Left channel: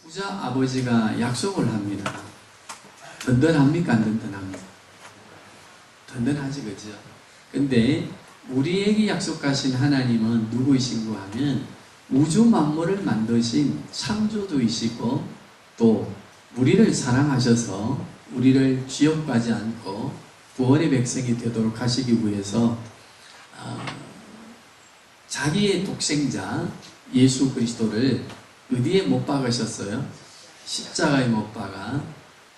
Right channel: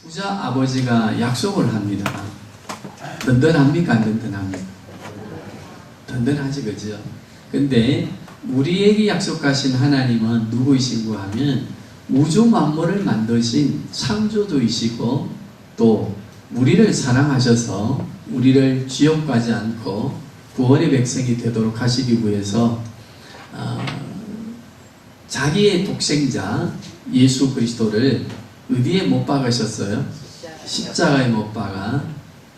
부자 아버지가 약속을 합니다. 든든합니까? 안 든든합니까? 든든하지, 그죠? 근데 우리에게 약속하신 하나님은 누구이신고 하면 우주 만물을 만드신 창조주이시고 또 우리를 사랑하셔서 우리를 지옥 가지 않고 구원의 백성이 되도록 하시기 위해서 자기의 독생자 예수 그리스도를 어디에 못 박으셨어요? 십자가에 못 박아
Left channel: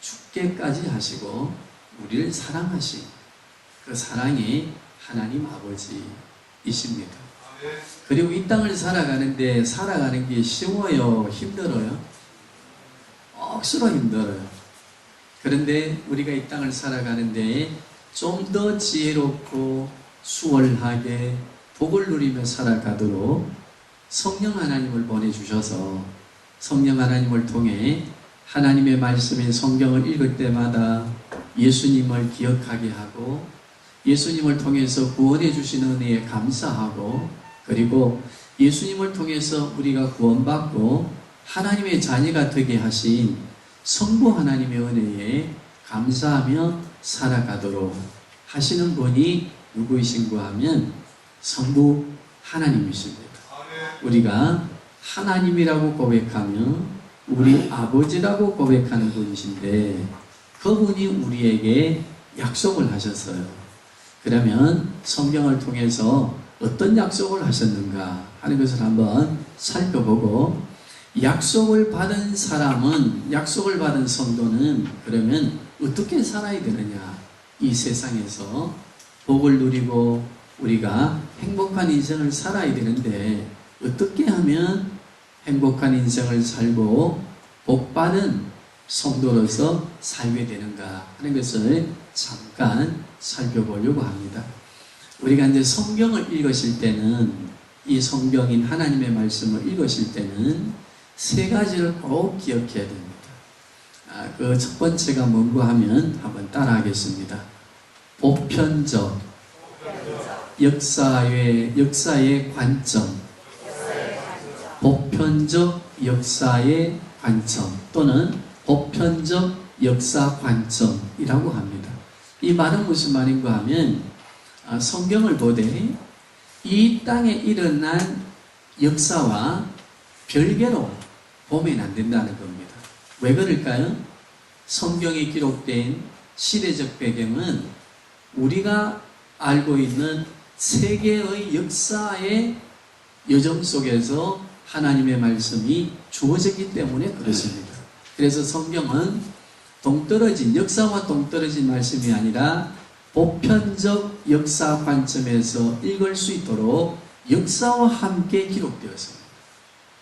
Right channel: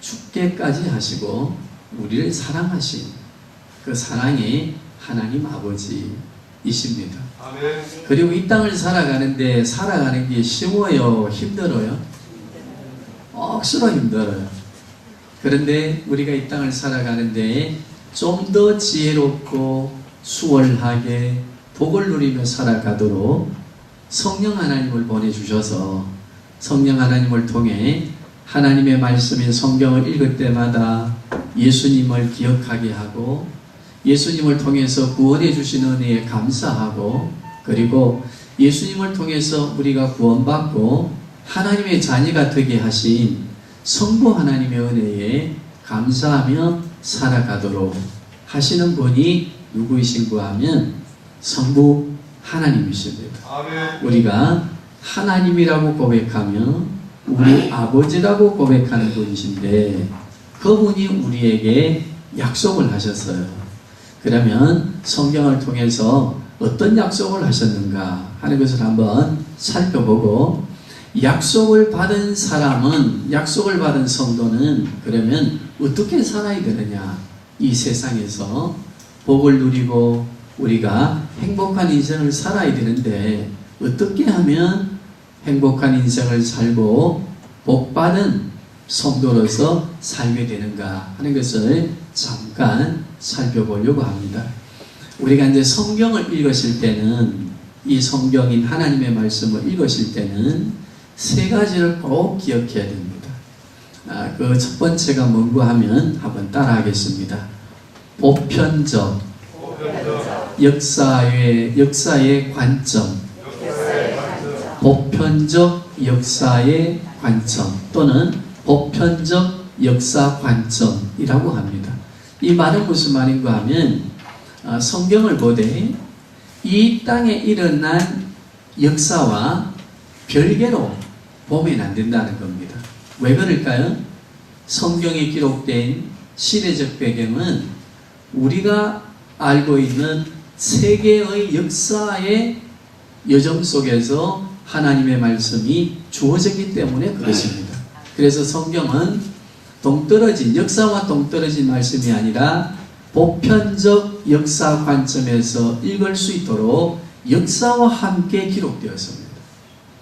죽게까지 하시고 우리를 사랑하신 그 사랑의 하나님 아버지이십니다. 그리고 이 땅을 살아가는 게 쉬워요? 힘들어요? 억수로 힘들어요. 그런데 우리가 이 땅을 살아가는데 좀 더 지혜롭고 수월하게 복을 누리며 살아가도록 성령 하나님을 보내주셔서 성령 하나님을 통해 하나님의 말씀인 성경을 읽을 때마다 예수님을 기억하게 하고 예수님을 통해서 구원해 주신 은혜에 감사하고 그리고 예수님을 통해서 우리가 구원받고 하나님의 자녀가 되게 하신 성부 하나님의 은혜에 감사하며 살아가도록 하시는 분이 누구이신고 하면 성부 하나님이십니다. 우리가 하나님이라고 고백하며 우리 아버지라고 고백하는 분이신데 그분이 우리에게 약속을 하셨어요. 그러면 성경을 통해서 어떤 약속을 하셨는가 하는 것을 한번 살펴보고 약속을 받은 사람은 약속을 받은 성도는 그러면 어떻게 살아야 되느냐 이 세상에서 복을 누리고 우리가 행복한 인생을 살아야 되는데 어떻게 하면 행복한 인생을 살고 복받은 성도로서 살게 되는가 하는 것을 잠깐 살펴보려고 합니다. 우리가 이제 성경을 읽으실 때는 이 성경인 하나님의 말씀을 읽으실 때는 세 가지를 꼭 기억해야 됩니다. 그 첫 번째가 뭔고 하면 한번 따라하겠습니다. 보편적, 역사의 관점, 보편적 역사의 관점 또는 보편적 역사 관점이라고 합니다. 이 말은 무슨 말인가 하면 성경을 보되 이 땅에 일어난 역사와 별개로 보면 안 된다는 겁니다. 왜 그럴까요? 성경에 기록된 시대적 배경은 우리가 알고 있는 세계의 역사의 여정 속에서 하나님의 말씀이 주어졌기 때문에 그렇습니다. 그래서 성경은 동떨어진 역사와 동떨어진 말씀이 아니라 보편적 역사 관점에서 읽을 수 있도록 역사와 함께 기록되었습니다.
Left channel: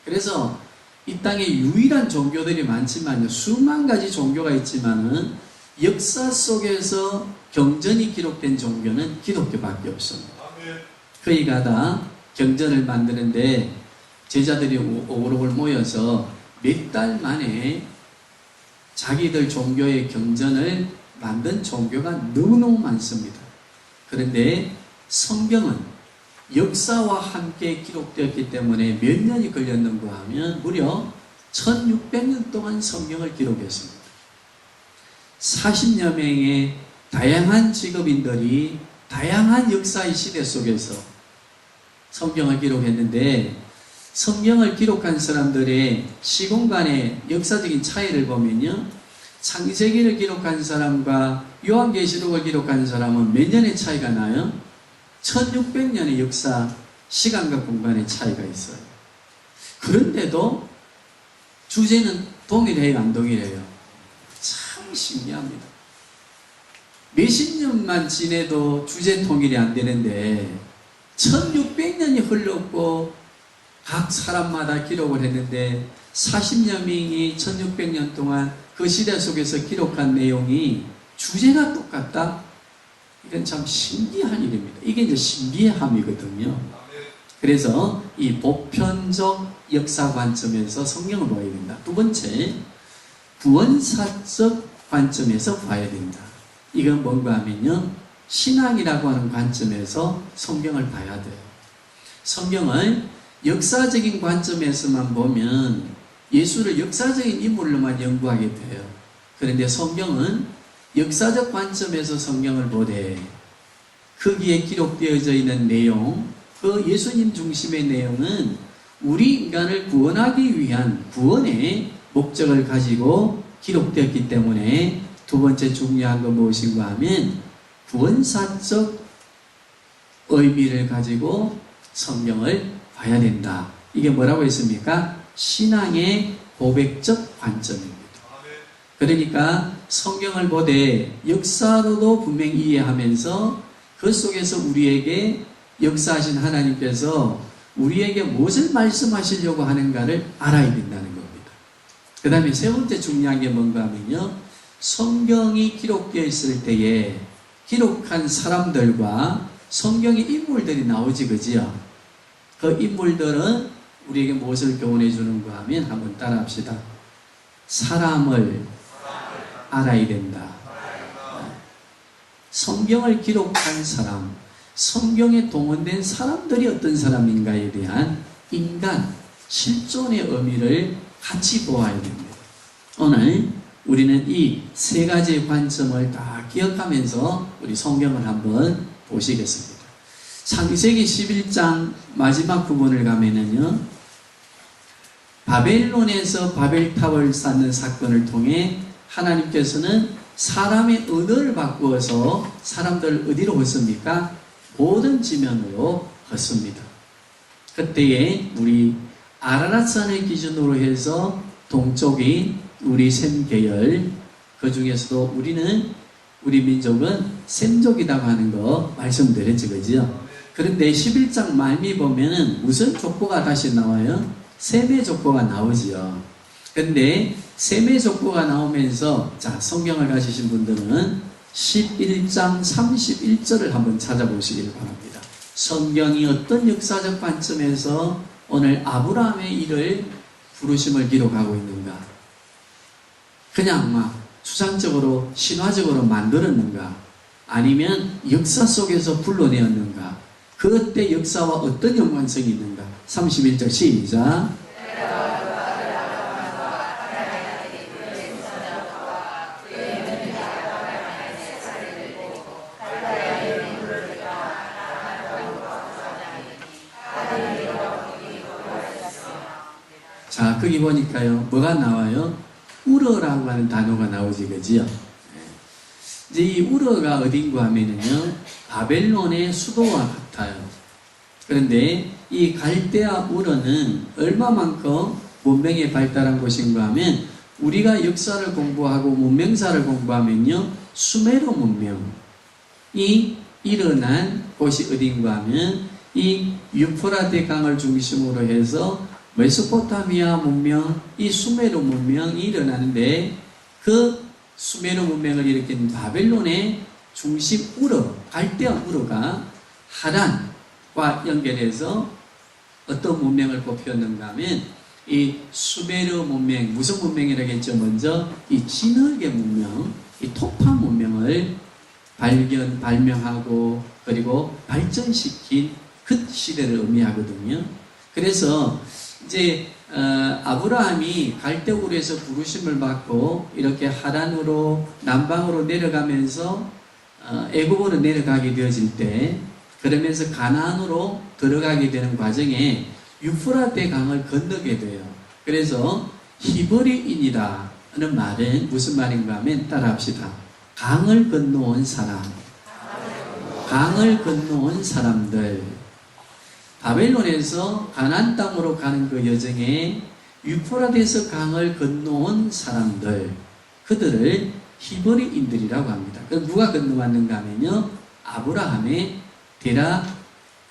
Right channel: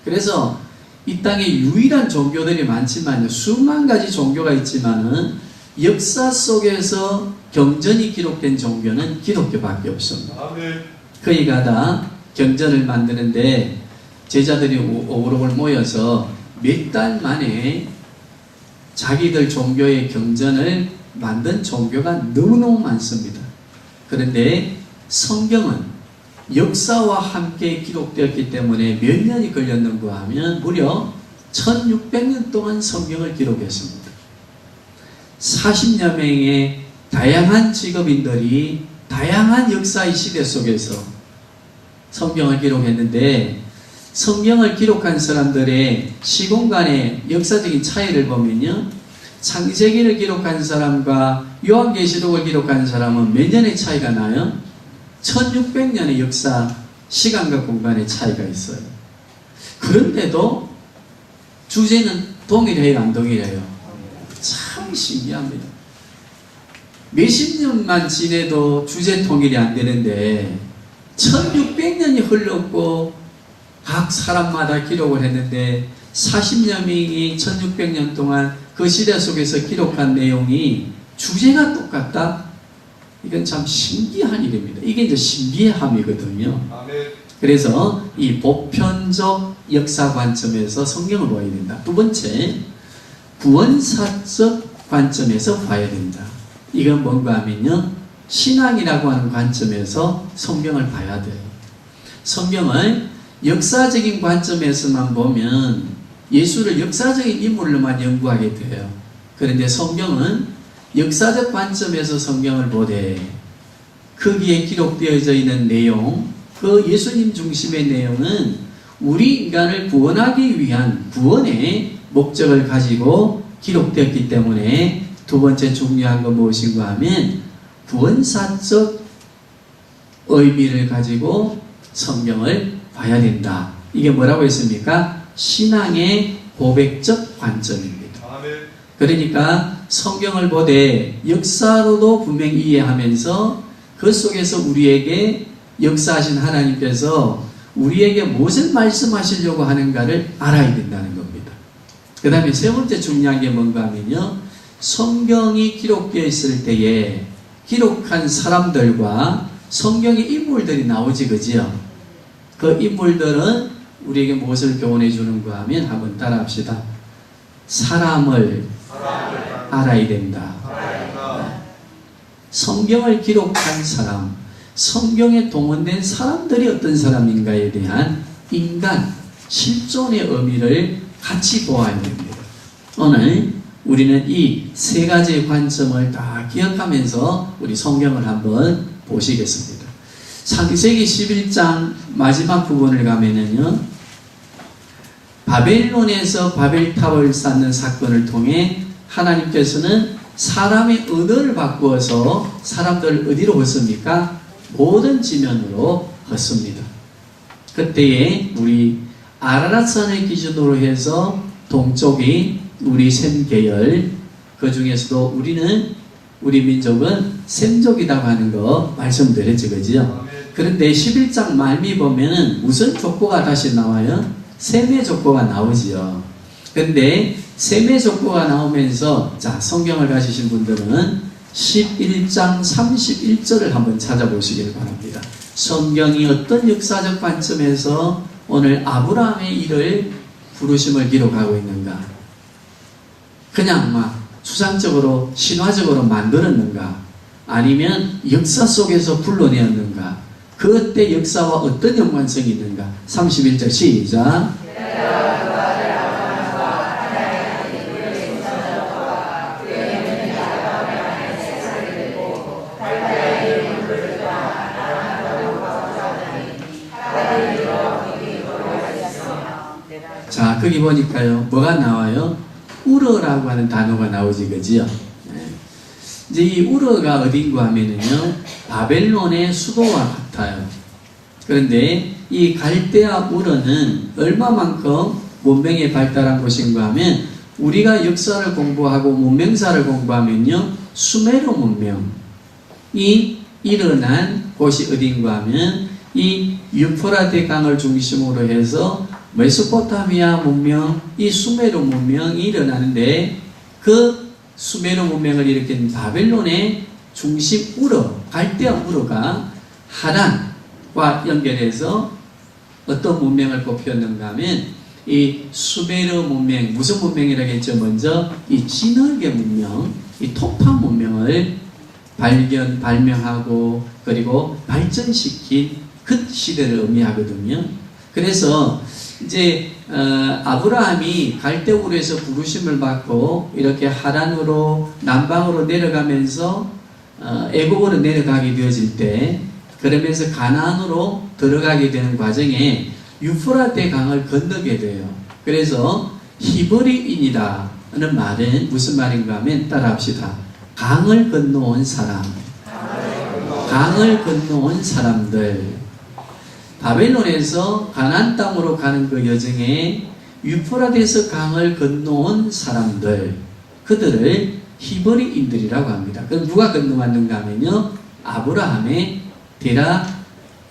그래서 이 땅에 유일한 종교들이 많지만 수만 가지 종교가 있지만은 역사 속에서 경전이 기록된 종교는 기독교밖에 없습니다. 그이가 다 경전을 만드는데 제자들이 오글오글 모여서 몇 달 만에 자기들 종교의 경전을 만든 종교가 너무너무 많습니다. 그런데 성경은 역사와 함께 기록되었기 때문에 몇 년이 걸렸는가 하면 무려 1600년 동안 성경을 기록했습니다. 40여 명의 다양한 직업인들이 다양한 역사의 시대 속에서 성경을 기록했는데 성경을 기록한 사람들의 시공간의 역사적인 차이를 보면요. 창세기를 기록한 사람과 요한계시록을 기록한 사람은 몇 년의 차이가 나요? 1600년의 역사, 시간과 공간의 차이가 있어요. 그런데도 주제는 동일해요, 안 동일해요? 참 신기합니다. 몇십 년만 지내도 주제 통일이 안 되는데 1600년이 흘렀고 각 사람마다 기록을 했는데 40여 명이 1600년 동안 그 시대 속에서 기록한 내용이 주제가 똑같다? 이건 참 신기한 일입니다. 이게 이제 신비함이거든요. 그래서 이 보편적 역사 관점에서 성경을 봐야 된다. 두 번째, 구원사적 관점에서 봐야 된다. 이건 뭔가 하면요. 신앙이라고 하는 관점에서 성경을 봐야 돼요. 성경을 역사적인 관점에서만 보면 예수를 역사적인 인물로만 연구하게 돼요. 그런데 성경은 역사적 관점에서 성경을 보되 거기에 기록되어져 있는 내용, 그 예수님 중심의 내용은 우리 인간을 구원하기 위한 구원의 목적을 가지고 기록되었기 때문에 두 번째 중요한 건 무엇인가 하면 구원사적 의미를 가지고 성경을 봐야 된다. 이게 뭐라고 했습니까? 신앙의 고백적 관점입니다. 그러니까 성경을 보되 역사로도 분명히 이해하면서 그 속에서 우리에게 역사하신 하나님께서 우리에게 무엇을 말씀하시려고 하는가를 알아야 된다는 겁니다. 그 다음에 세 번째 중요한 게 뭔가 하면요, 성경이 기록되어 있을 때에 기록한 사람들과 성경의 인물들이 나오지, 그지요? 그 인물들은 우리에게 무엇을 교훈해 주는가 하면 한번 따라합시다. 사람을 알아야 된다. 성경을 기록한 사람, 성경에 동원된 사람들이 어떤 사람인가에 대한 인간, 실존의 의미를 같이 보아야 됩니다. 오늘 우리는 이 세 가지의 관점을 다 기억하면서 우리 성경을 한번 보시겠습니다. 창세기 11장 마지막 부분을 가면은요, 바벨론에서 바벨탑을 쌓는 사건을 통해 하나님께서는 사람의 언어를 바꾸어서 사람들을 어디로 걷습니까? 모든 지면으로 걷습니다. 그때에 우리 아라랏산을 기준으로 해서 동쪽이 우리 셈 계열, 그 중에서도 우리 민족은 셈족이라고 하는 거 말씀드렸죠, 그죠? 그런데 11장 말미 보면은 무슨 족보가 다시 나와요? 셈의 족보가 나오지요. 근데 셈의 족보가 나오면서, 자, 성경을 가지신 분들은 11장 31절을 한번 찾아보시길 바랍니다. 성경이 어떤 역사적 관점에서 오늘 아브라함의 일을 부르심을 기록하고 있는가? 그냥 막 추상적으로 신화적으로 만들었는가? 아니면 역사 속에서 불러내었는가? 그때 역사와 어떤 연관성이 있는가? 31절 시작. 자, 거기 보니까요, 뭐가 나와요? 우르라고 하는 단어가 나오지, 그지요? 이제 이 우르가 어딘가 하면은요, 바벨론의 수도와 같아요. 그런데 이 갈대아 우르는 얼마만큼 문명이 발달한 곳인가 하면, 우리가 역사를 공부하고 문명사를 공부하면요, 수메르 문명이 일어난 곳이 어딘가 하면, 이 유프라테 강을 중심으로 해서 메소포타미아 문명, 이 수메르 문명이 일어나는데, 그 수메르 문명을 일으킨 바벨론의 중심 우르, 갈대아 우르가 하란과 연결해서 어떤 문명을 뽑혔는가 하면, 이 수메르 문명, 무슨 문명이라고 했죠? 먼저 이 진흙의 문명, 이 토파 문명을 발명하고 그리고 발전시킨 그 시대를 의미하거든요. 그래서 이제 아브라함이 갈대우르에서 부르심을 받고 이렇게 하란으로 남방으로 내려가면서 애굽으로 내려가게 되어질 때, 그러면서 가나안으로 들어가게 되는 과정에 유프라테 강을 건너게 돼요. 그래서 히브리인이라는 말은 무슨 말인가 하면, 따라합시다. 강을 건너온 사람, 강을 건너온 사람들. 바벨론에서 가나안 땅으로 가는 그 여정에 유프라테스 강을 건너온 사람들, 그들을 히브리인들이라고 합니다. 그럼 누가 건너왔는가 하면요, 아브라함의 데라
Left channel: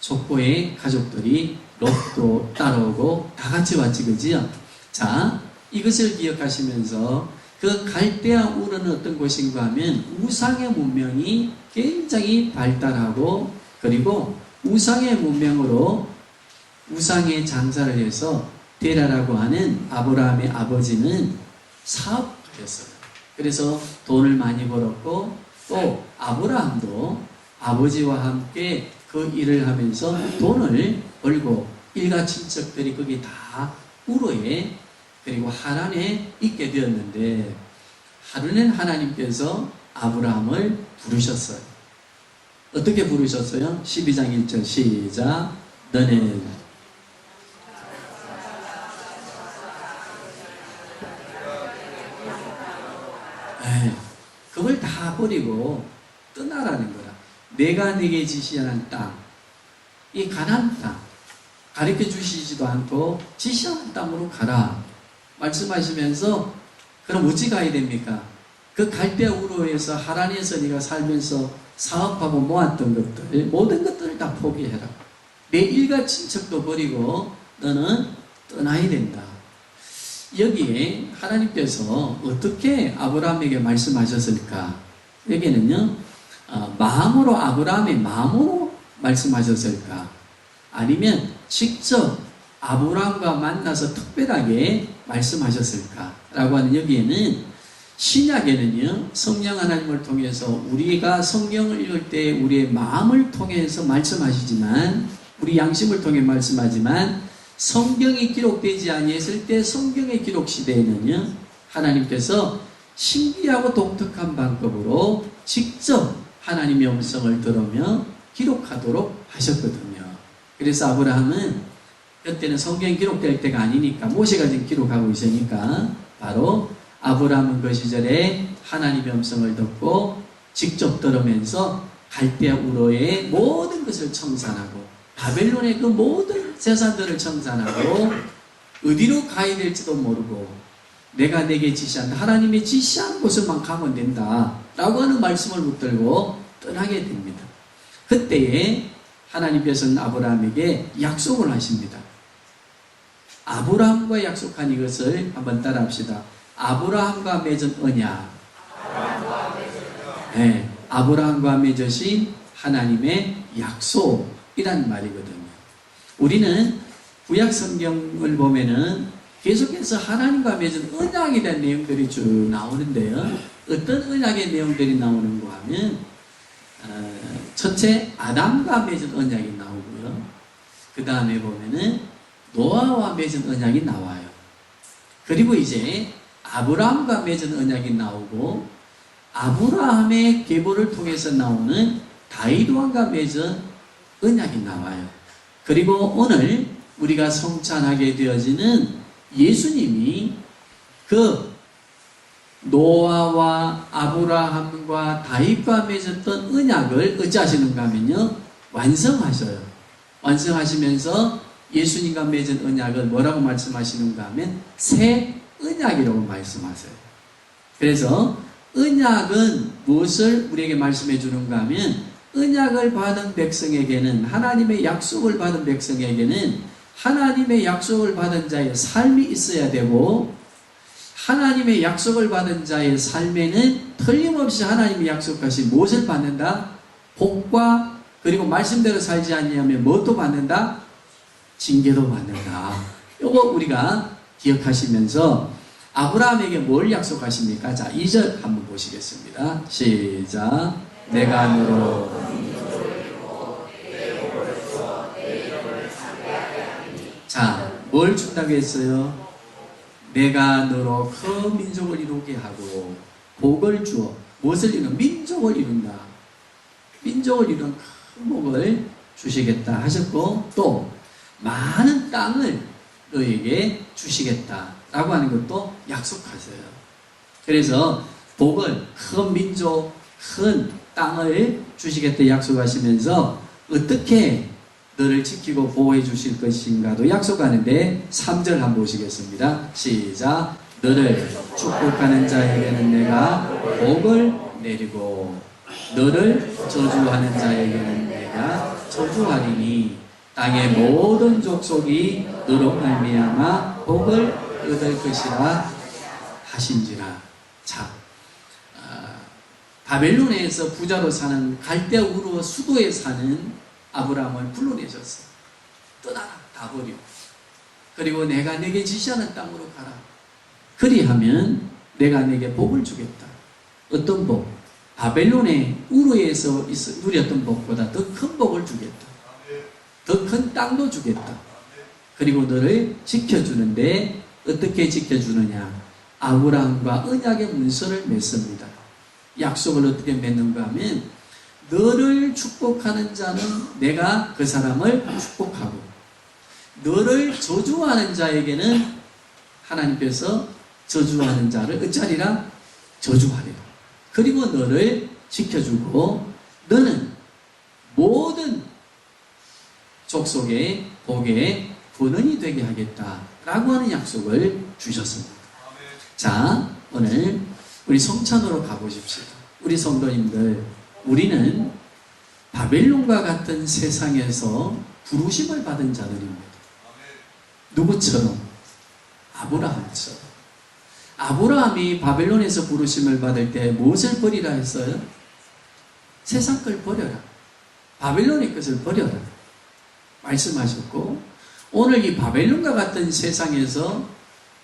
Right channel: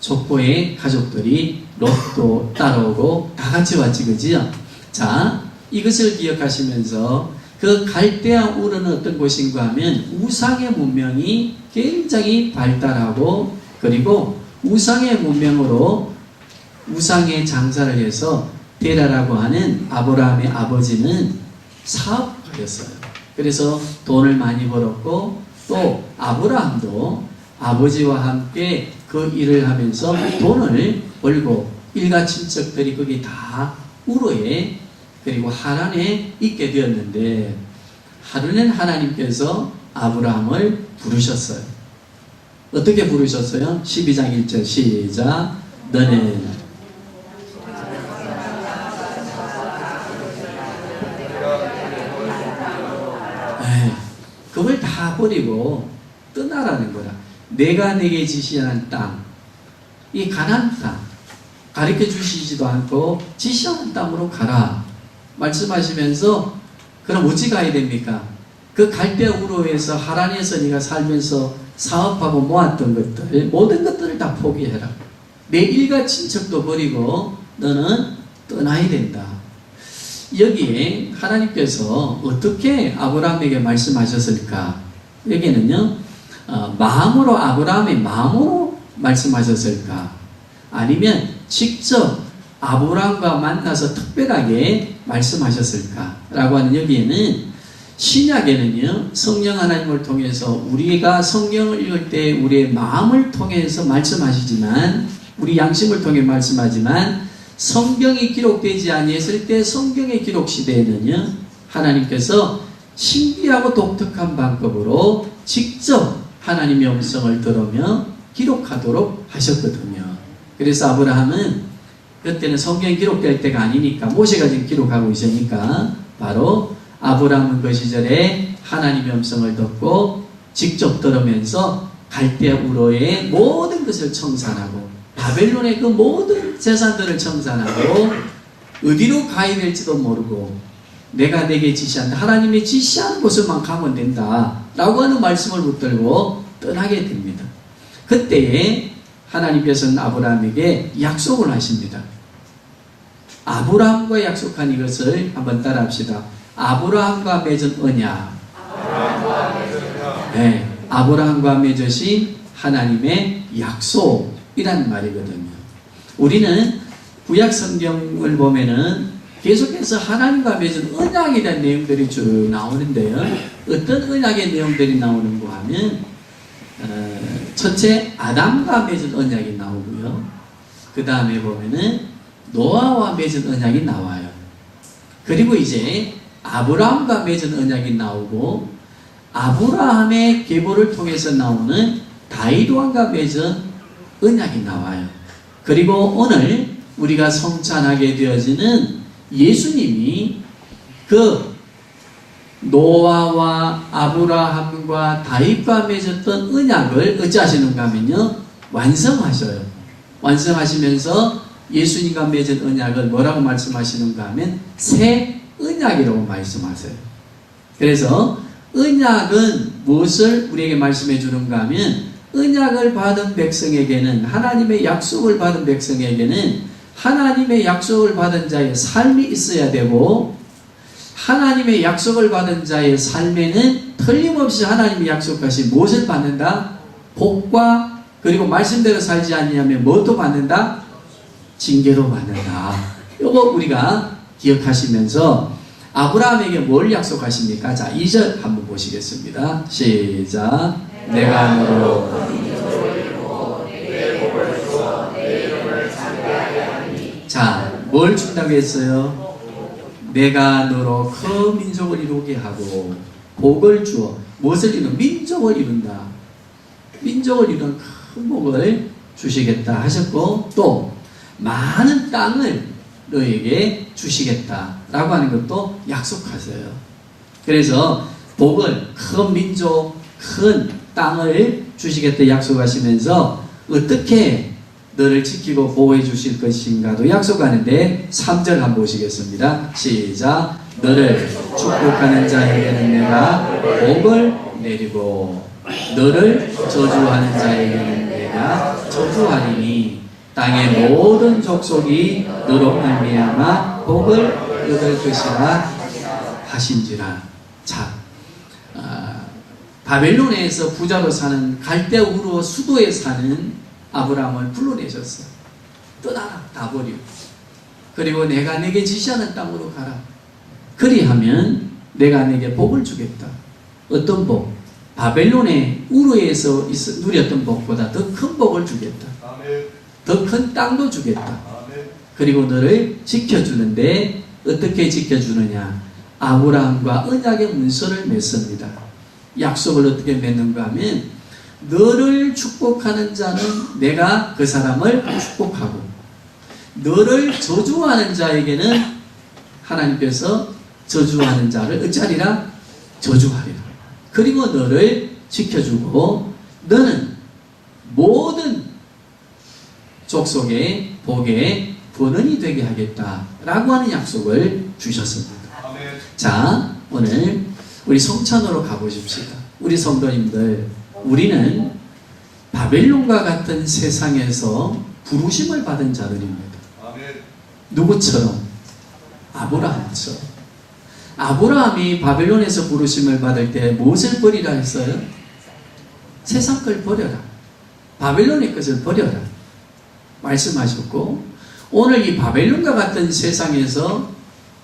족보의 가족들이 롯도 따라오고 다 같이 왔지, 그지요? 자, 이것을 기억하시면서 그 갈대아 우르는 어떤 곳인가 하면 우상의 문명이 굉장히 발달하고, 그리고 우상의 문명으로 우상의 장사를 해서 데라라고 하는 아브라함의 아버지는 사업가였어요. 그래서 돈을 많이 벌었고, 또 아브라함도 아버지와 함께 그 일을 하면서 돈을 벌고, 일가 친척들이 거기 다 우르에 그리고 하란에 있게 되었는데 하루는 하나님께서 아브라함을 부르셨어요. 어떻게 부르셨어요? 12장 1절 시작. 너는 그걸 다 버리고 떠나라는 거라. 내가 내게 지시하는 땅, 이 가나안 땅, 가르쳐 주시지도 않고 지시하는 땅으로 가라 말씀하시면서, 그럼 어찌 가야 됩니까? 그 갈대아 우르에서 하란에서 네가 살면서 사업하고 모았던 것들, 모든 것들을 다 포기해라. 내 일가 친척도 버리고 너는 떠나야 된다. 여기에 하나님께서 어떻게 아브라함에게 말씀하셨을까? 여기는요, 마음으로, 아브라함의 마음으로 말씀하셨을까? 아니면 직접 아브라함과 만나서 특별하게 말씀하셨을까? 라고 하는, 여기에는 신약에는요, 성령 하나님을 통해서 우리가 성경을 읽을 때 우리의 마음을 통해서 말씀하시지만, 우리 양심을 통해 말씀하지만, 성경이 기록되지 아니했을 때 성경의 기록 시대에는요, 하나님께서 신비하고 독특한 방법으로 직접 하나님의 음성을 들으며 기록하도록 하셨거든요. 그래서 아브라함은 그때는 성경이 기록될 때가 아니니까, 모세가 지금 기록하고 있으니까, 바로 아브라함은 그 시절에 하나님의 음성을 듣고 직접 들으면서 갈대아 우르의 모든 것을 청산하고 바벨론의 그 모든 재산들을 청산하고 어디로 가야 될지도 모르고 내가 내게 지시한다, 하나님이 지시하는 곳을만 가면 된다 라고 하는 말씀을 붙들고 떠나게 됩니다. 그때에 하나님께서는 아브라함에게 약속을 하십니다. 아브라함과 약속한 이것을 한번 따라합시다. 아브라함과 맺은 언약. 네, 아브라함과 맺으신 하나님의 약속이라는 말이거든요. 우리는 구약 성경을 보면은 계속해서 하나님과 맺은 언약에 대한 내용들이 쭉 나오는데요. 어떤 언약의 내용들이 나오는가 하면, 첫째 아담과 맺은 언약이 나오고요. 그 다음에 보면은 노아와 맺은 언약이 나와요. 그리고 이제 아브라함과 맺은 언약이 나오고, 아브라함의 계보를 통해서 나오는 다윗 왕과 맺은 언약이 나와요. 그리고 오늘 우리가 성찬하게 되어지는 예수님이 그 노아와 아브라함과 다윗과 맺었던 언약을 어찌하시는가 하면요, 완성하셔요. 완성하시면서 예수님과 맺은 언약을 뭐라고 말씀하시는가 하면 새 언약이라고 말씀하세요. 그래서 언약은 무엇을 우리에게 말씀해 주는가 하면, 언약을 받은 백성에게는, 하나님의 약속을 받은 백성에게는 하나님의 약속을 받은 자의 삶이 있어야 되고, 하나님의 약속을 받은 자의 삶에는 틀림없이 하나님이 약속하신 무엇을 받는다? 복과, 그리고 말씀대로 살지 아니하면 무엇도 받는다? 징계도 받는다. 이거 우리가 기억하시면서 아브라함에게 뭘 약속하십니까? 자, 2절 한번 보시겠습니다. 시작. 내가 너로 자, 뭘 준다고 했어요? 내가 너로 큰 민족을 이루게 하고 복을 주어. 무엇을 이룬? 민족을 이룬다. 민족을 이룬 큰 복을 주시겠다 하셨고, 또 많은 땅을 너에게 주시겠다라고 하는 것도 약속하세요. 그래서 복을, 큰 민족, 큰 땅을 주시겠다 약속하시면서 어떻게 너를 지키고 보호해 주실 것인가도 약속하는데, 3절 한번 보시겠습니다. 시작. 너를 축복하는 자에게는 내가 복을 내리고 너를 저주하는 자에게는 내가 저주하리니 땅의 모든 족속이 너로 말미암아 복을 얻을 것이라 하신지라. 자, 바벨론에서 부자로 사는 갈대아 우르 수도에 사는 아브라함을 불러내셨어. 떠나라, 다 버리고. 그리고 내가 내게 지시하는 땅으로 가라. 그리하면 내가 내게 복을 주겠다. 어떤 복? 바벨론의 우르에서 누렸던 복보다 더 큰 복을 주겠다. 더 큰 땅도 주겠다. 그리고 너를 지켜주는데 어떻게 지켜주느냐? 아브라함과 언약의 문서를 맺습니다. 약속을 어떻게 맺는가 하면 너를 축복하는 자는 내가 그 사람을 축복하고 너를 저주하는 자에게는 하나님께서 저주하는 자를 어찌하리라? 저주하리라. 그리고 너를 지켜주고 너는 모든 족속의 복의 근원이 되게 하겠다라고 하는 약속을 주셨습니다. 자, 오늘 우리 성찬으로 가보십시다. 우리 성도님들, 우리는 바벨론과 같은 세상에서 부르심을 받은 자들입니다. 누구처럼? 아브라함처럼. 아브라함이 바벨론에서 부르심을 받을 때 무엇을 버리라 했어요? 세상 걸 버려라. 바벨론의 것을 버려라. 말씀하셨고, 오늘 이 바벨론과 같은 세상에서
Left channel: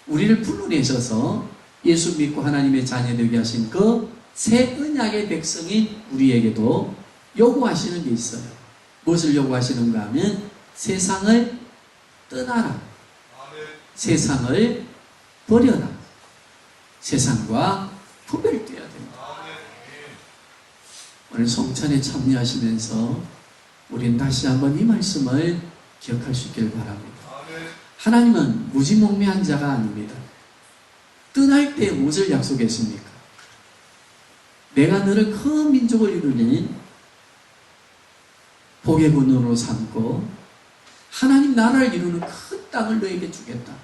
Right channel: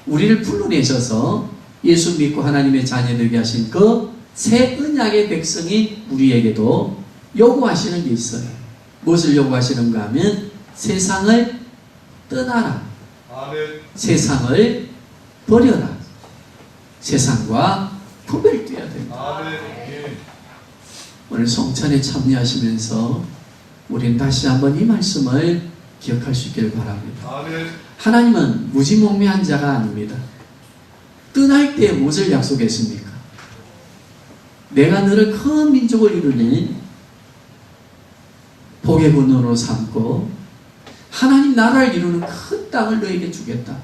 우리를 불러내셔서 예수 믿고 하나님의 자녀 되게 하신 그 새 언약의 백성이 우리에게도 요구하시는 게 있어요. 무엇을 요구하시는가 하면 세상을 떠나라. 세상을 버려라. 세상과 구별되어야 됩니다. 오늘 성찬에 참여하시면서 우리는 다시 한번 이 말씀을 기억할 수 있기를 바랍니다. 하나님은 무지몽매한 자가 아닙니다. 떠날 때 무엇을 약속했습니까? 내가 너를 큰 민족을 이루니 복의 근원으로 삼고 하나님 나라를 이루는 큰 땅을 너에게 주겠다.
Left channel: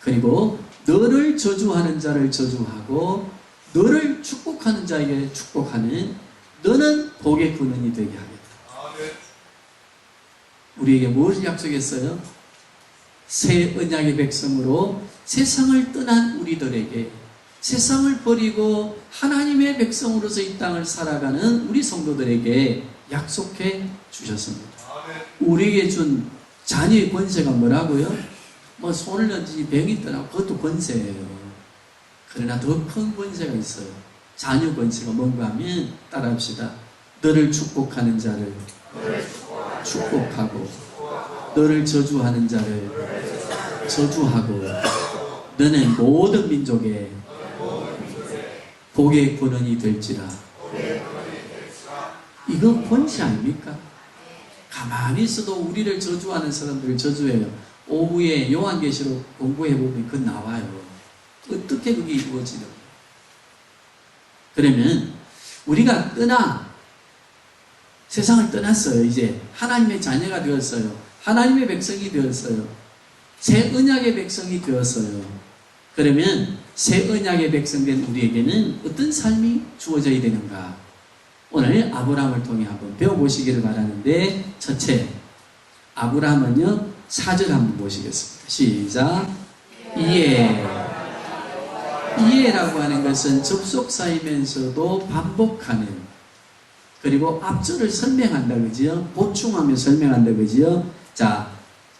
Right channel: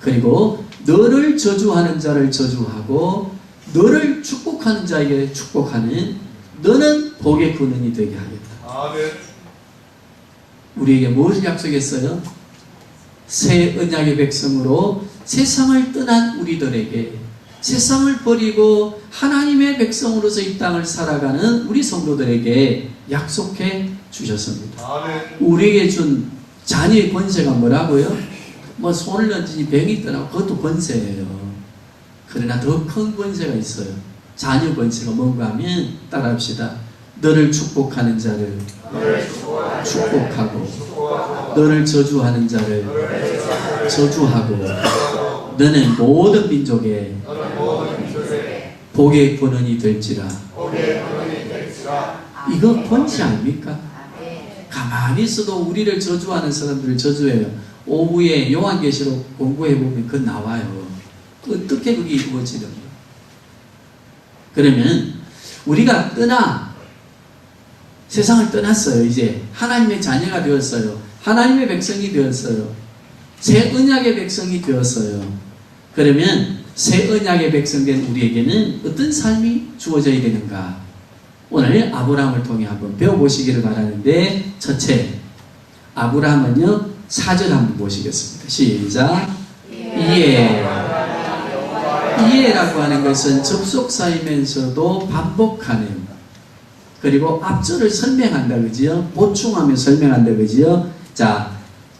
그리고 너를 저주하는 자를 저주하고 너를 축복하는 자에게 축복하는 너는 복의 근원이 되게 하겠다. 우리에게 무엇을 약속했어요? 새 언약의 백성으로 세상을 떠난 우리들에게 세상을 버리고 하나님의 백성으로서 이 땅을 살아가는 우리 성도들에게 약속해 주셨습니다. 우리에게 준 자녀의 권세가 뭐라고요? 뭐 손을 던지니 병이 떠나고 그것도 권세예요. 그러나 더 큰 권세가 있어요. 자녀 권세가 뭔가 하면 따라합시다. 너를 축복하는 자를 축복하고 너를 저주하는 자를 저주하고 너는 모든 민족의 복의 근원이 될지라. 이거 권세 아닙니까? 가만히 있어도 우리를 저주하는 사람들을 저주해요. 오후에 요한계시록 공부해보면 그거 나와요. 어떻게 그게 이루어지는가? 그러면 우리가 세상을 떠났어요. 이제 하나님의 자녀가 되었어요. 하나님의 백성이 되었어요. 새 언약의 백성이 되었어요. 그러면 새 언약의 백성된 우리에게는 어떤 삶이 주어져야 되는가? 오늘 아브라함을 통해 한번 배워보시기를 바라는데, 첫째, 아브라함은요 4절 한번 보시겠습니다. 시작. 이해라고 하는 것은 접속사이면서도 반복하는, 그리고 앞절을 설명한다, 그지요? 보충하며 설명한다, 그지요? 자,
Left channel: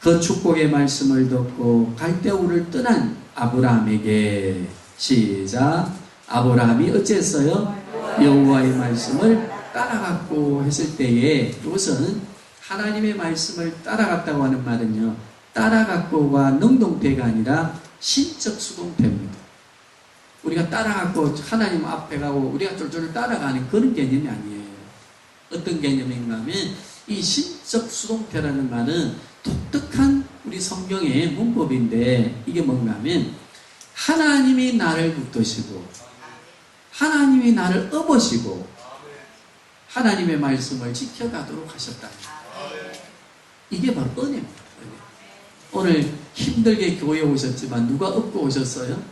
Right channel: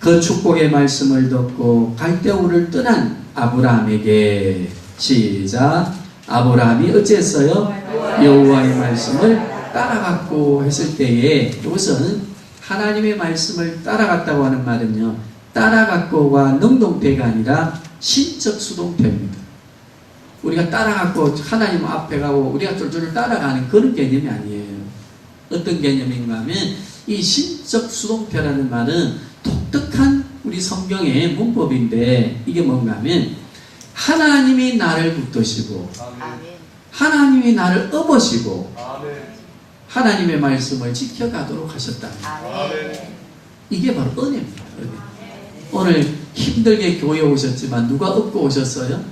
그 축복의 말씀을 듣고 갈대우를 떠난 아브라함에게, 시작. 아브라함이 어찌했어요? 여호와의 말씀을 따라갔고 했을 때에, 이것은 하나님의 말씀을 따라갔다고 하는 말은요, 따라갔고가 능동태가 아니라 신적 수동태입니다. 우리가 따라갔고 하나님 앞에 가고 우리가 쫄쫄 따라가는 그런 개념이 아니에요. 어떤 개념인가 하면 이 신적 수동태라는 말은 독특한 우리 성경의 문법인데, 이게 뭔가 하면 하나님이 나를 붙드시고 하나님이 나를 업으시고 하나님의 말씀을 지켜가도록 하셨다. 이게 바로 은혜입니다. 은혜. 오늘 힘들게 교회에 오셨지만 누가 업고 오셨어요?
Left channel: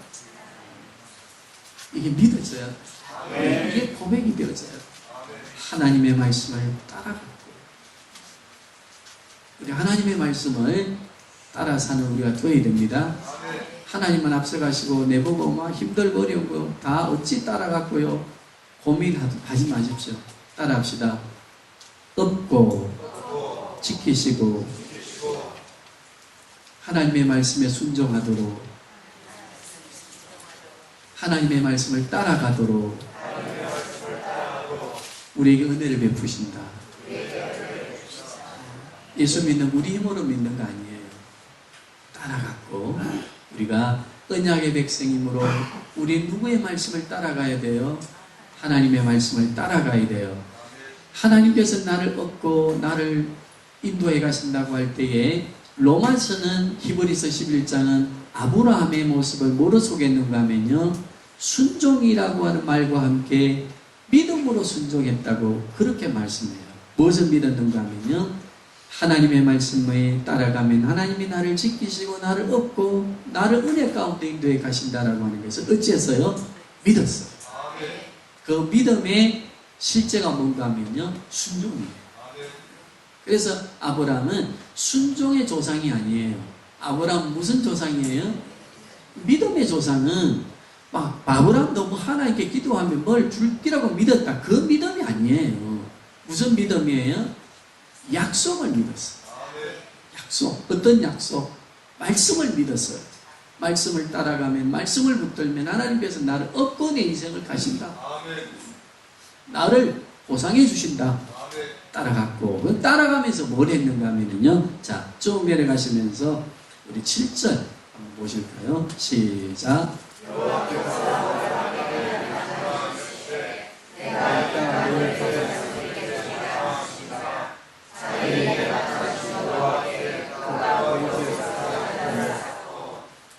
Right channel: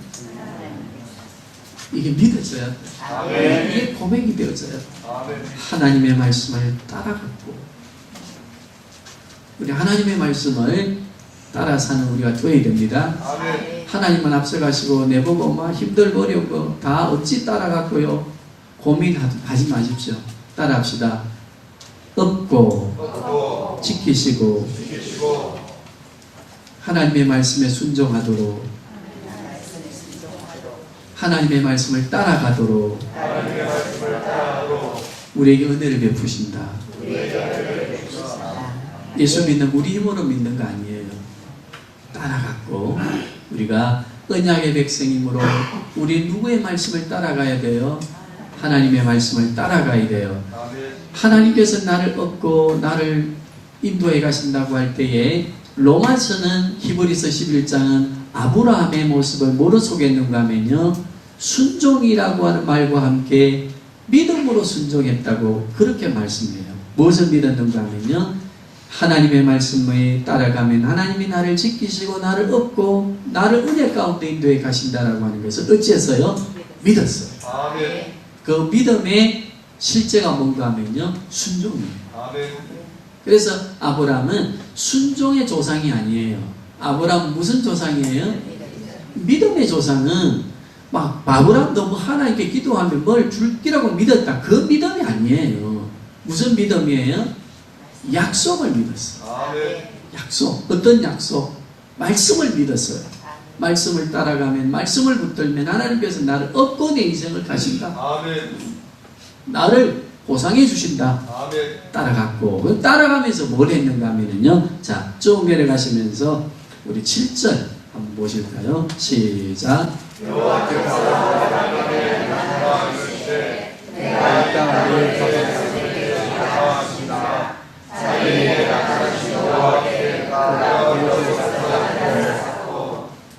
이게 믿어져야 돼. 이게 고백이 되어져야 돼. 하나님의 말씀을 따라갔고, 우리 하나님의 말씀을 따라 사는 우리가 되어야 됩니다. 하나님은 앞서가시고 내보고 막 힘들고 어려운 거 다 어찌 따라갔고요? 고민하지 마십시오. 따라합시다. 업고 지키시고 하나님의 말씀에 순종하도록, 하나님의 말씀을 따라가도록 우리에게 은혜를 베푸신다. 예수 믿는 우리 힘으로 믿는 거 아니에요. 따라갔고 우리가 언약의 백성이므로 우리 누구의 말씀을 따라가야 돼요? 하나님의 말씀을 따라가야 돼요. 하나님께서 나를 얻고 나를 인도해 가신다고 할 때에 로마서는 히브리서 11장은 아브라함의 모습을 뭐로 소개했는가 하면요, 순종이라고 하는 말과 함께 믿음으로 순종했다고 그렇게 말씀해요. 무엇을 믿었는가 하면요, 하나님의 말씀에 따라가면 하나님이 나를 지키시고 나를 얻고 나를 은혜 가운데 인도해 가신다라고 하는 것을 어찌했어요? 믿었어요. 그 믿음의 실제가 뭔가 하면요, 순종이에요. 그래서 아브라함은 순종의 조상이 아니에요. 아브라함은 무슨 조상이에요? 믿음의 조상은 막 아브라함도 뭐 하나님께 기도하면 뭘 줄기라고 믿었다, 그 믿음이 아니에요. 무슨 믿음이에요? 약속을 믿었어요. 약속. 어떤 약속? 말씀을 믿었어요. 말씀을 따라가면, 말씀을 붙들면 하나님께서 나를 얻고 내 인생을 가신다. 나를 보상해 주신다. 따라갔고, 따라가면서 뭘 했는가 하면요, 자, 쭉 내려가시면서 우리 7절 한번 보실까요? 시작.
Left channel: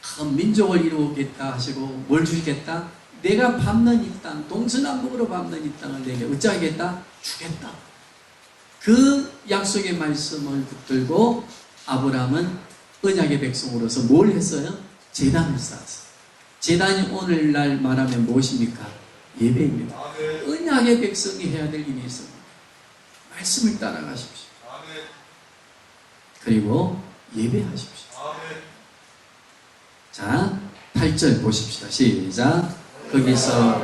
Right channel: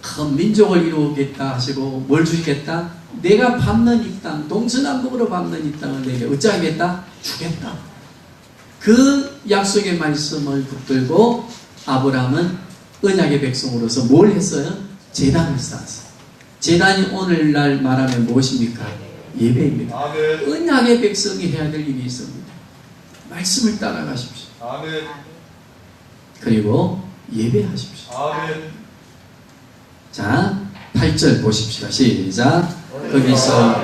큰 민족을 이루겠다 하시고 뭘 주시겠다? 내가 밟는 이 땅, 동서남북으로 밟는 이 땅을 내게 어찌하겠다? 주겠다. 그 약속의 말씀을 붙들고 아브라함은 언약의 백성으로서 뭘 했어요? 제단을 쌓았어요. 제단이 오늘날 말하면 무엇입니까? 예배입니다. 언약의 백성이 해야 될 일이 있습니다. 말씀을 따라가십시오. 그리고 예배하십시오. 자, 8절 보십시다. 시작. 거기서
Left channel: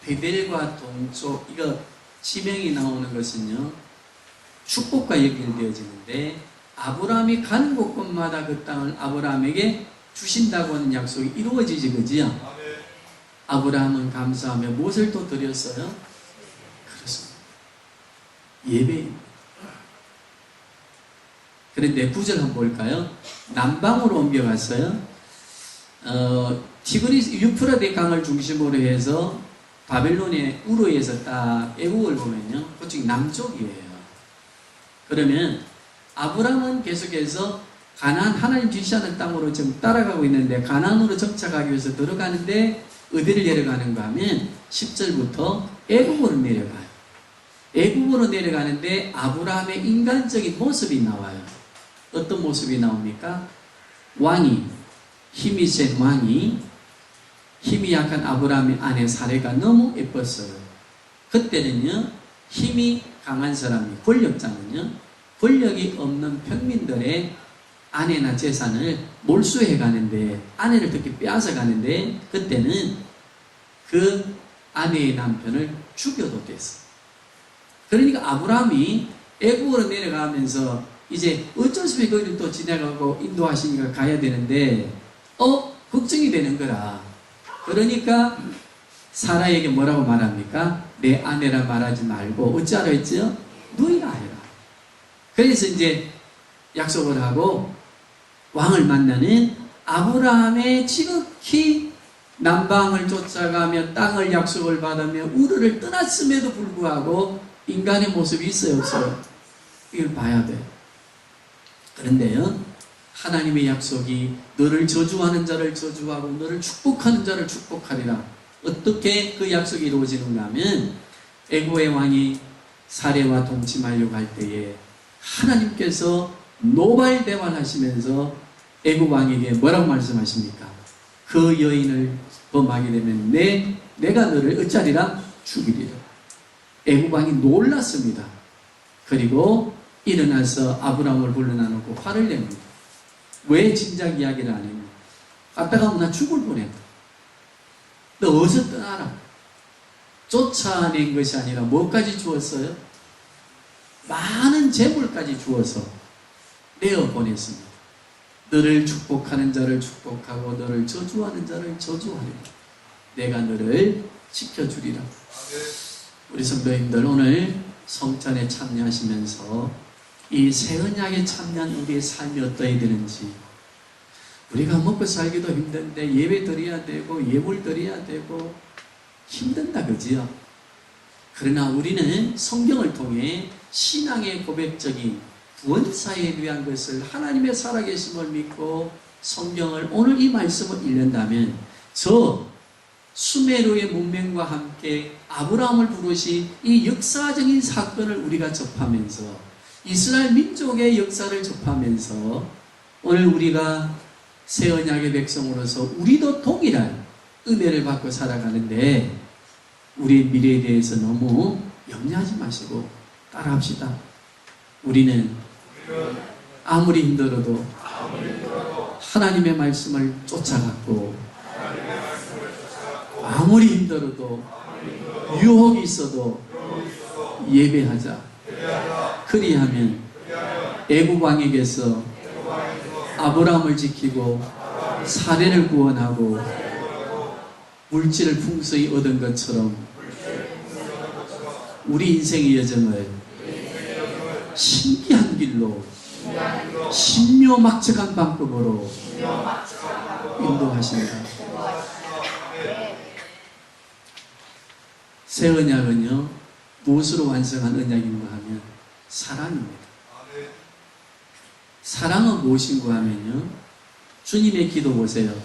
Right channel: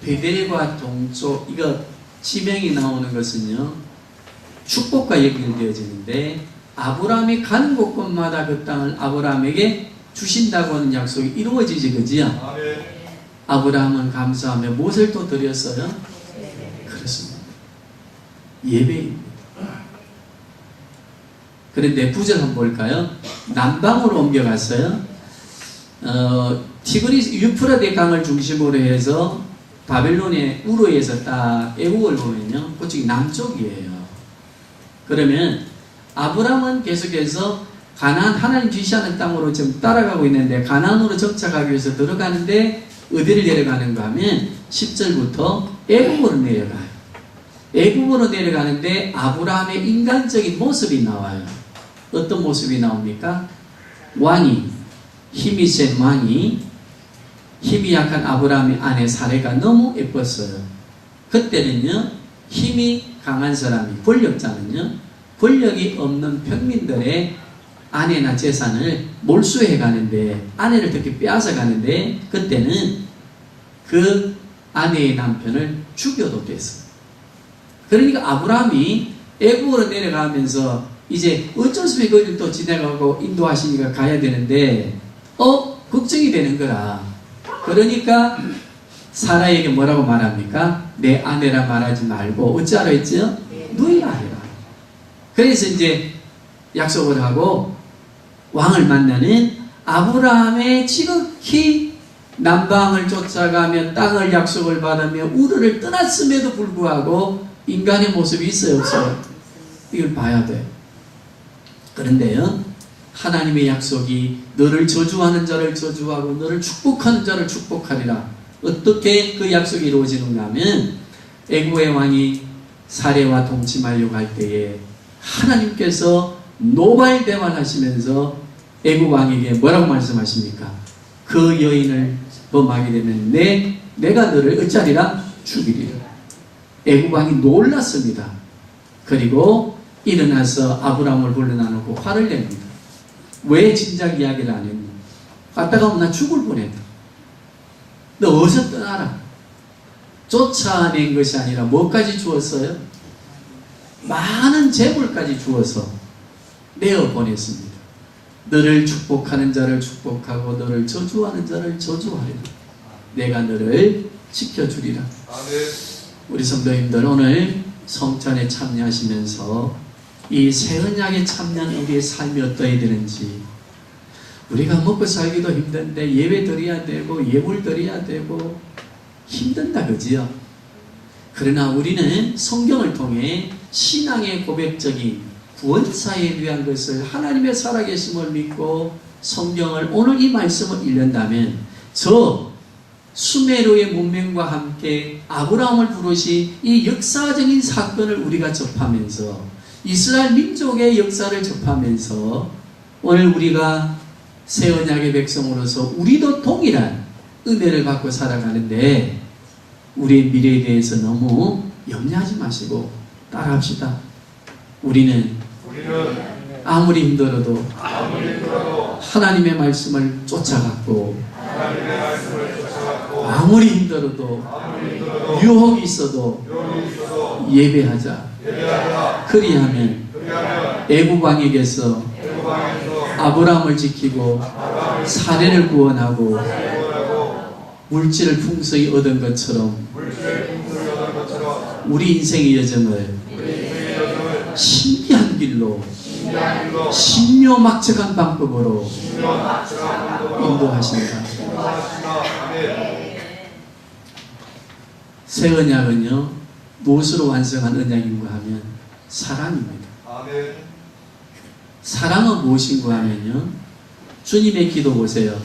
베델과 동쪽, 이거 지명이 나오는 것은요, 축복과 연결되어지는데 아브라함이 가는 곳곳마다 그 땅을 아브라함에게 주신다고 하는 약속이 이루어지지, 그지요? 아브라함은 감사하며 무엇을 또 드렸어요? 그렇습니다. 예배입니다. 그런데 9절 한번 볼까요? 남방으로 옮겨갔어요. 티그리스 유프라데 강을 중심으로 해서 바벨론의 우르에서 딱 애국을 보면요, 그쪽이 남쪽이에요. 그러면 아브라함은 계속해서 가나안, 하나님 지시하는 땅으로 지금 따라가고 있는데, 가나안으로 정착하기 위해서 들어가는데 어디를 내려가는가 하면 10절부터 애국으로 내려가요. 애국으로 내려가는데 아브라함의 인간적인 모습이 나와요. 어떤 모습이 나옵니까? 왕이, 힘이 센 왕이, 힘이 약한 아브라함의 아내 사레가 너무 예뻤어요. 그때는요, 힘이 강한 사람이, 권력자는요, 권력이 없는 평민들의 아내나 재산을 몰수해 가는데, 아내를 특히 빼앗아 가는데, 그때는 그 아내의 남편을 죽여도 됐어요. 그러니까 아브라함이 애국으로 내려가면서 이제 어쩔 수 없이 거기를 또 지나가고 인도하시니까 가야 되는데, 걱정이 되는 거라. 그러니까 사라에게 뭐라고 말합니까? 내 아내라 말하지 말고 어찌하라 했죠? 누이라 해라. 그래서 이제 약속을 하고 왕을 만나는 아브라함의 지극히 남방을 쫓아가며 땅을 약속을 받으며 우르를 떠났음에도 불구하고 인간의 모습이 있어요, 없어요? 이걸 봐야 돼요. 그런데요, 하나님의 약속이 너를 저주하는 자를 저주하고 너를 축복하는 자를 축복하리라. 어떻게 그 약속이 이루어지는가 하면, 애국의 왕이 사례와 동침하려고 할 때에 하나님께서 노발대발하시면서 애국 왕에게 뭐라고 말씀하십니까? 그 여인을 범하게 되면 내가 너를 어찌하리라? 죽이리라. 애국 왕이 놀랐습니다. 그리고 일어나서 아브라함을 불러나누고 화를 냅니다. 왜 진작 이야기를 안 했냐? 갔다가 오면 나 죽을 뻔했다. 너 어서 떠나라. 쫓아낸 것이 아니라 뭐까지 주었어요? 많은 재물까지 주어서 내어보냈습니다. 너를 축복하는 자를 축복하고 너를 저주하는 자를 저주하리라. 내가 너를 지켜주리라. 우리 성도님들 오늘 성찬에 참여하시면서 이 새 언약에 참여한 우리의 삶이 어떠해야 되는지, 우리가 먹고 살기도 힘든데 예배 드려야 되고 예물 드려야 되고 힘든다, 그지요? 그러나 우리는 성경을 통해 신앙의 고백적인 구원사에 위한 것을 하나님의 살아계심을 믿고 성경을 오늘 이 말씀을 읽는다면 저 수메르의 문명과 함께 아브라함을 부르신 이 역사적인 사건을 우리가 접하면서 이스라엘 민족의 역사를 접하면서 오늘 우리가 새 언약의 백성으로서 우리도 동일한 은혜를 받고 살아가는데 우리의 미래에 대해서 너무 염려하지 마시고 따라합시다. 우리는 아무리 힘들어도 하나님의 말씀을 쫓아갔고, 아무리 힘들어도 유혹이 있어도 예배하자. 그리하면 애굽 왕에게서 아브라함을 지키고 사례를 구원하고 물질을 풍성히 얻은 것처럼 우리 인생의 여정을 신비한 길로 신묘막측한 방법으로 인도하신다. 새 언약은요, 무엇으로 완성한 언약인가 하면 사랑입니다. 사랑은 무엇인가 하면요, 주님의 기도 보세요.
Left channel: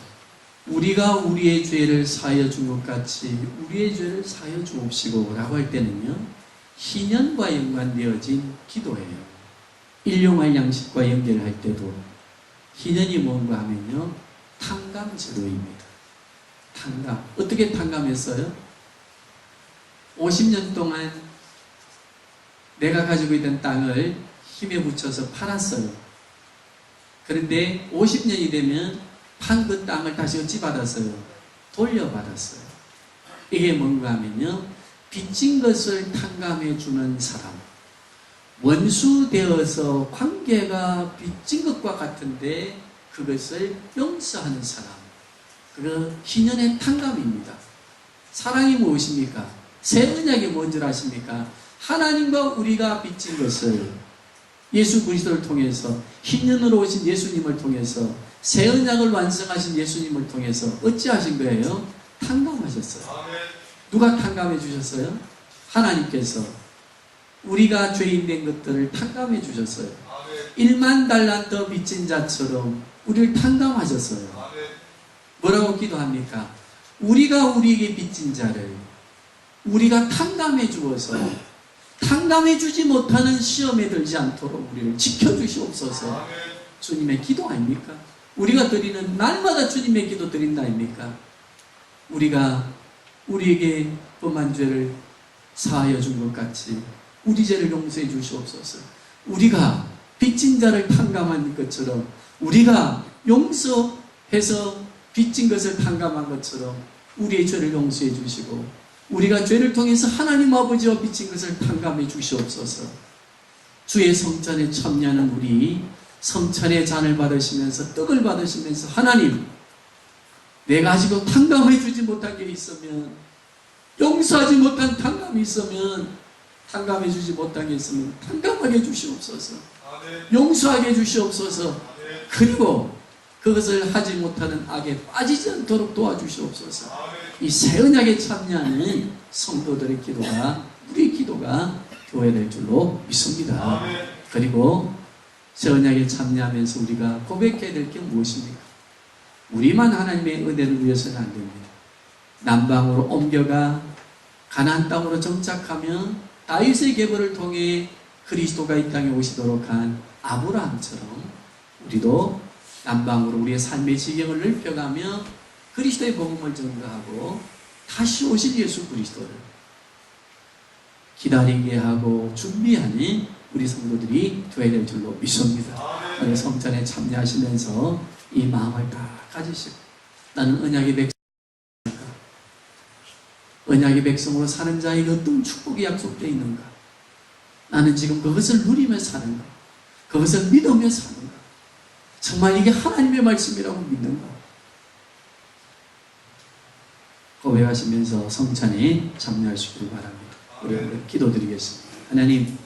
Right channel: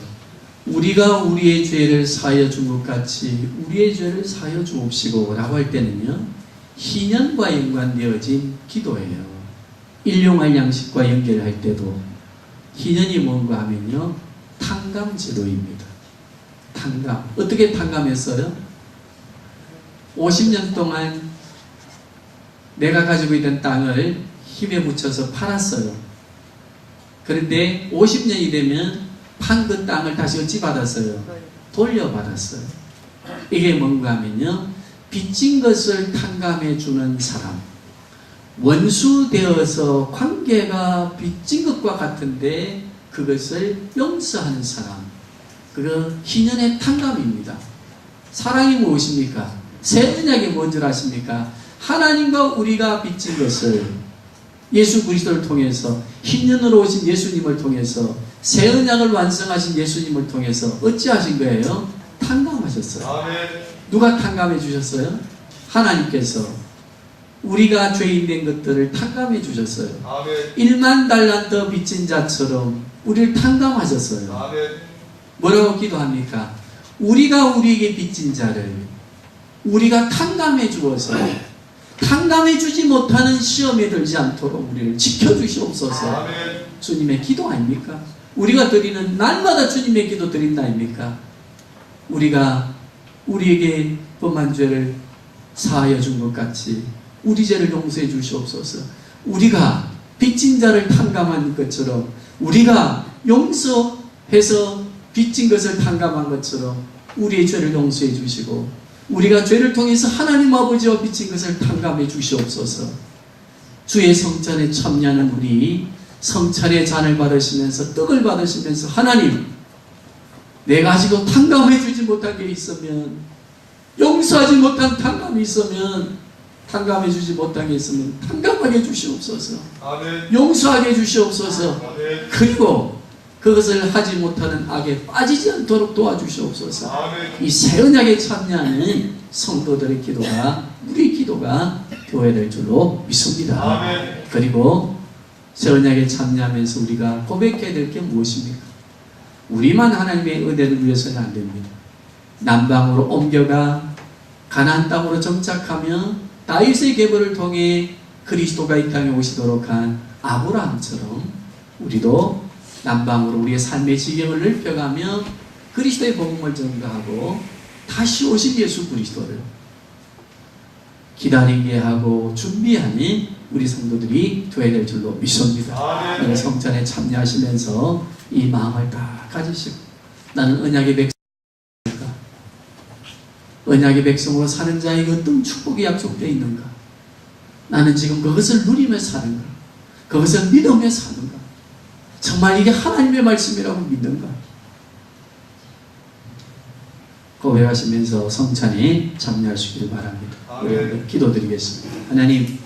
우리가 우리의 죄를 사하여 준 것 같이 우리의 죄를 사하여 주옵시고 라고 할 때는요, 희년과 연관되어진 기도예요. 일용할 양식과 연결할 때도 희년이 뭔가 하면요, 탕감제도입니다. 탕감. 어떻게 탕감했어요? 50년 동안 내가 가지고 있던 땅을 힘에 묻혀서 팔았어요. 그런데 50년이 되면 판 그 땅을 다시 어찌 받았어요? 돌려받았어요. 이게 뭔가 하면요, 빚진 것을 탕감해 주는 사람, 원수 되어서 관계가 빚진 것과 같은데 그것을 용서하는 사람, 그 희년의 탕감입니다. 사랑이 무엇입니까? 새 언약이 뭔지 아십니까? 하나님과 우리가 빚진 것을 예수 그리스도를 통해서, 희년으로 오신 예수님을 통해서, 새 언약을 완성하신 예수님을 통해서 어찌하신 거예요? 탕감하셨어요. 아멘. 누가 탕감해 주셨어요? 하나님께서 우리가 죄인 된 것들을 탕감해 주셨어요. 아멘. 1만 달란트 빚진 자처럼 우리를 탕감하셨어요. 아멘. 뭐라고 기도합니까? 우리가 우리에게 빚진 자를 우리가 탕감해 주어서 탕감해 주지 못하는 시험에 들지 않도록 우리를 지켜주시옵소서. 아멘. 주님의 기도 아닙니까? 우리가 드리는, 날마다 주님의 기도 드린다 아닙니까? 우리가 우리에게 범한 죄를 사하여 준 것 같이 우리 죄를 용서해 주시옵소서. 우리가 빚진 자를 탕감한 것처럼, 우리가 용서해서 빚진 것을 탕감한 것처럼 우리의 죄를 용서해 주시고, 우리가 죄를 통해서 하나님 아버지와 빚진 것을 탕감해 주시옵소서. 주의 성찬에 참여하는 우리, 성찬의 잔을 받으시면서 떡을 받으시면서, 하나님, 내가 아직도 탕감해 주지 못한 게 있으면, 용서하지 못한 탕감이 있으면, 탕감해 주지 못한 게 있으면 탕감하게 주시옵소서. 아멘. 용서하게 주시옵소서. 아멘. 그리고 그것을 하지 못하는 악에 빠지지 않도록 도와주시옵소서. 아멘. 이 새 언약에 참여하는 성도들의 기도가, 우리 기도가 교회될 줄로 믿습니다. 아멘. 그리고 새 언약에 참여하면서 우리가 고백해야 될 게 무엇입니까? 우리만 하나님의 은혜를 위해서는 안 됩니다. 남방으로 옮겨가 가나안 땅으로 정착하며 다윗의 계보를 통해 그리스도가 이 땅에 오시도록 한 아브라함처럼 우리도 남방으로 우리의 삶의 지경을 넓혀가며 그리스도의 복음을 전가하고 다시 오실 예수 그리스도를 기다리게 하고 준비하는 우리 성도들이 되어야 될 줄로 믿습니다. 오늘 성찬에 참여하시면서 이 마음을 다 가지시고, 나는 언약의 백성인가? 언약의 백성으로 사는 자에게 어떤 축복이 약속되어 있는가? 나는 지금 그것을 누리며 사는가? 그것을 믿으며 사는가? 정말 이게 하나님의 말씀이라고 믿는가? 고백하시면서 성찬에 참여하시기를 바랍니다. 우리 한번 기도드리겠습니다. 하나님,